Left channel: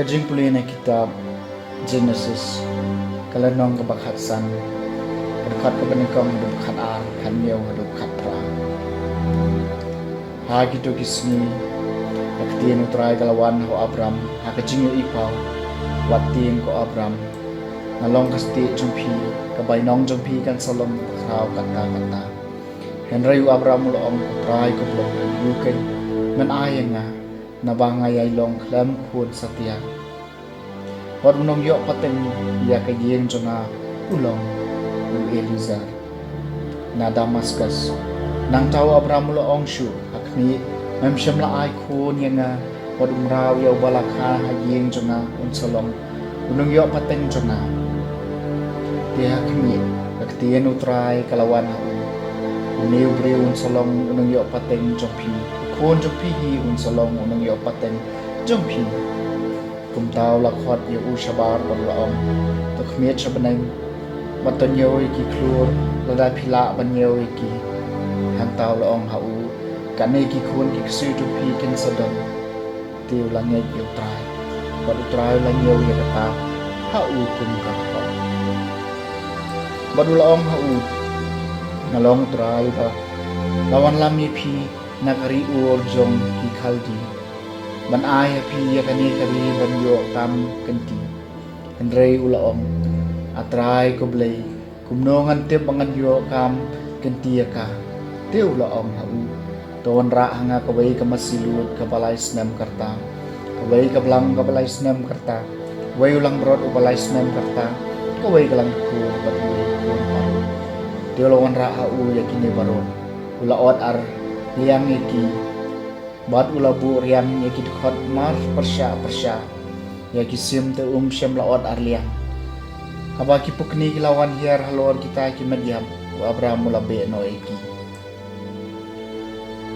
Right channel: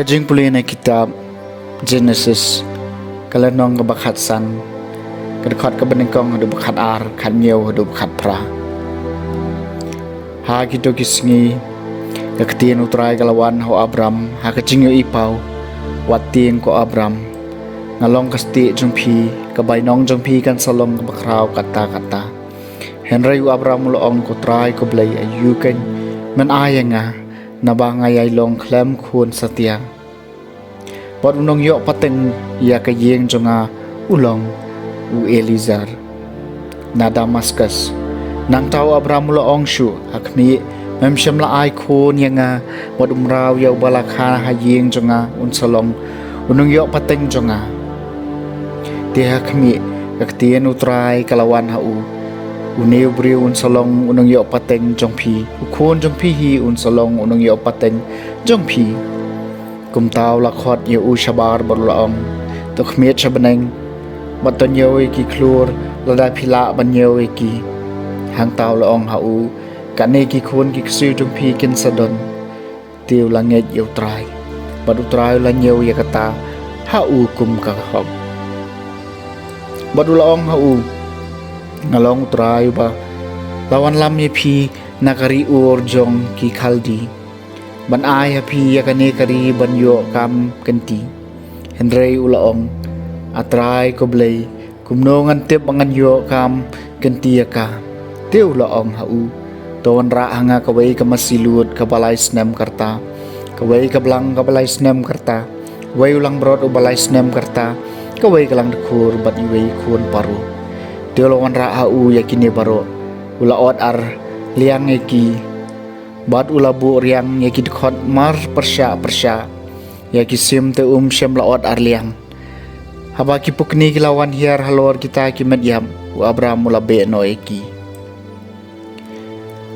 Kajing puli na kitab Genesis kalanong kabakhat san kadakot kabaningkong hadu bakhat ar khat miyaw hadu bakhat pra ha kito kisngi kaktian utray kalawan ho Abram ha kajing yo ipaw watin ko Abram ngalong kasti jumpi kabay nong jumpi kan salong kabakraw kata Henry Abram mulong ko try ko blay ayukan man ayang nga nabangay long klem khun satiang bot nong yo pateng ya ka yeng jonga ulong u Elizar na Damascus nang taw Abram mulong shu akni mem shamla ai khun yanga bot umraw yo balakha ha yeng jonga unsalong unong yo pateng jonga dia kami kaktian utray kalawan ha u uneu bri un salong unong yo pateng jongpi ukon jongpi hi un salong unong yo pateng jongpi kum taw la khot yo u shabar bol laong to khmiet shabaneng baton yo ki klur la da phila ban yo ki hang taw laong ha u kane ki khon ki ksui jongpi kin sadon tiu la nge yo trai bad utrai la nyew ya kata ha u kum ka khom bad laong ha u ngalong try ba lawan lam ye phi nakari ur jong ki khaldi ban ai phi ya kane kari ban yo kam kanti Henry ulaong atrai ko blay kumnongan tip angan yo kam kanti ka te ulaong ha u ton ra hanga kawai ka masilut ka balai snem karta kawai ka blang ka balai snem karta wai ulang brod u balai snem karta kawai kalang khur bat iwai khun paru Tiolongan ra'a u yakini baro ula ot ar liang yaki bat ula bu riang yaki dkhot mar persya yaki sim te shem la ot ar liang haba ki pukni kilawan hiar halor kita ki medyam u Abram ula be no yaki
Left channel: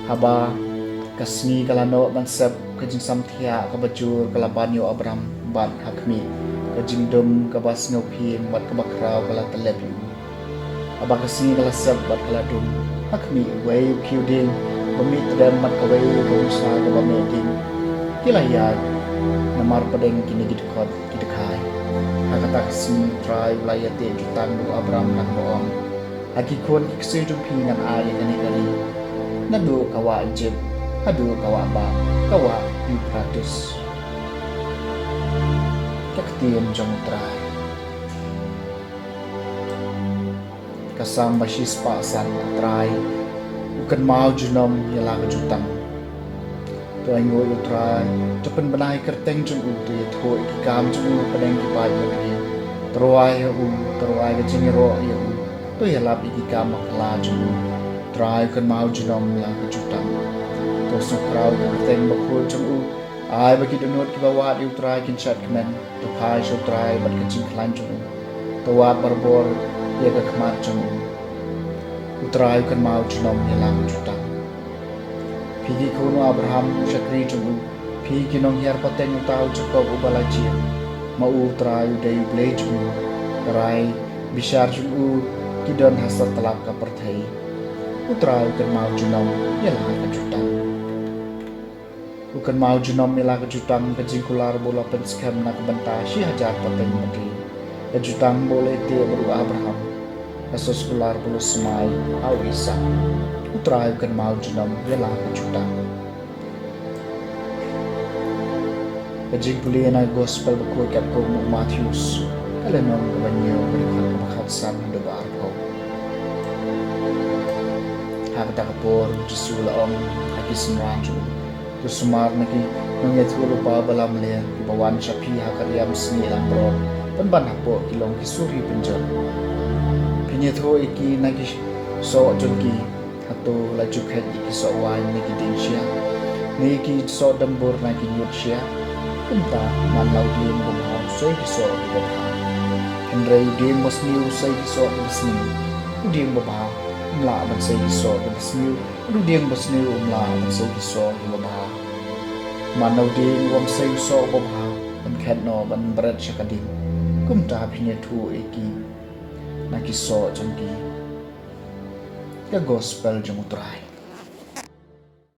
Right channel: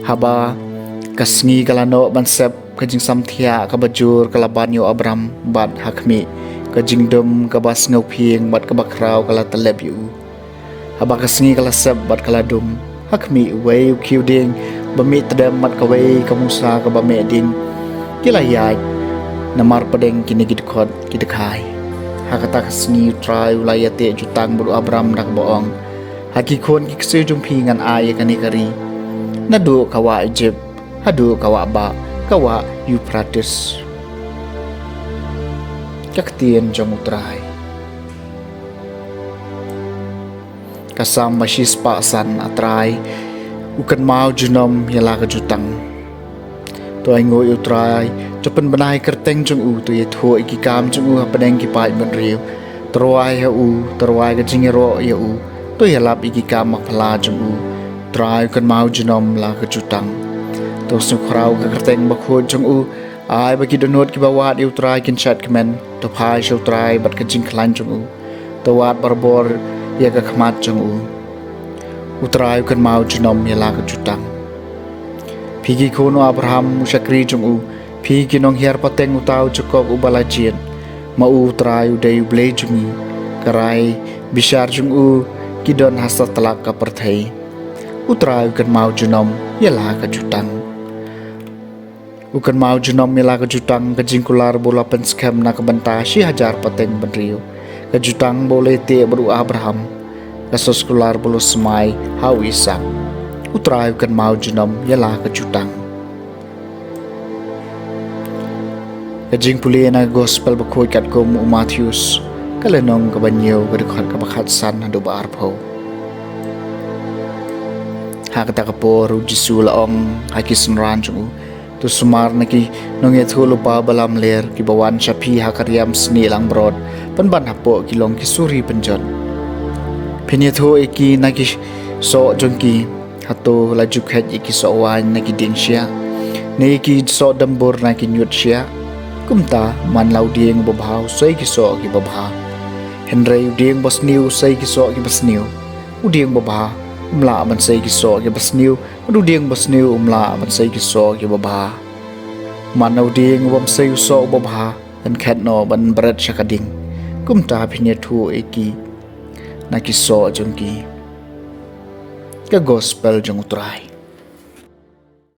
haba kasngi kalano bansep kajing samthia kabajur kalaban yo Abram bat hakmi kajing dum kabas ngau phieng bat kabakraw kala taleb yu haba kasngi kala seb bat kala dum hakmi wei kiuding bami tadam mat kawai kamusa ka bame din kilayat namar padeng kinigid khot kidekai hakata kasngi try ulayate jutang buru Abram nak boong haki khon kiksi jumpi ngan ay kani kari nadu kawa Egypt hadu kawa ba kawa Euphrates kaktien jong utray kasang masis pasan atrai ukan mau junom yala ka jutang to ai ngoi utrai topen banai kerteng jung u to ye tho iki kam jung u padeng ki pai ban riu troi ha u troi ka jingero ya u to yala iki kam makla jung u trai kan mau junom la ka jutang to su krau ka kerteng ba kho jung u ai ba ki donot ki bawat yu trai kin chat kemen to pai show trai bat ka jing klan jung u to wat barbor ya ka khmat jong u utrai kan mau junom ya la ka jutang phigi khono Abraham shakri jong u phigi nong hiar pateng utau cukup u balajien ma u utrai u dei ble jong u karai bishar jong u kidon hasa telak ka perthai utrai kan mau junom ya la ka jutang ukan mau junom ya la ka jutang ka jingkular bola penskam na ka banta si hajar pateng badriu kajutang boleh te baru Abraham kasos kular bolu semai hau Ishak utrai kan mau junam yalah kajutang kajing puli na gospel bakoi kat ko mu Matthews kalenong kabanyo kadukhan kabakhat san hadu ba arpo hak ta kapo ru jisu la ong hakis ran chu tu sumar na ki nong ye thulu pa balam ler ki bawan chapi hakariam sni lang brod pan ban hapo ki long ki suri penjon phinia tho eki na ki so jong ki hato la jukhet eki so wan na ki ding sia ne ki so dambur na ki nyut sia kumta man lau ding bo bhau soi ki so ki bo bha henre ding bos niu sai ki so ki bos niu uding bo bha umla ban sai ki so ki bos niu du ding bos niu umla ban sai ki so ki bo bha man lau ding bom sai so bo bha ban khat no ban bret shakading kumta phinia thu eki na ki so jong ki ka gospel jong utrai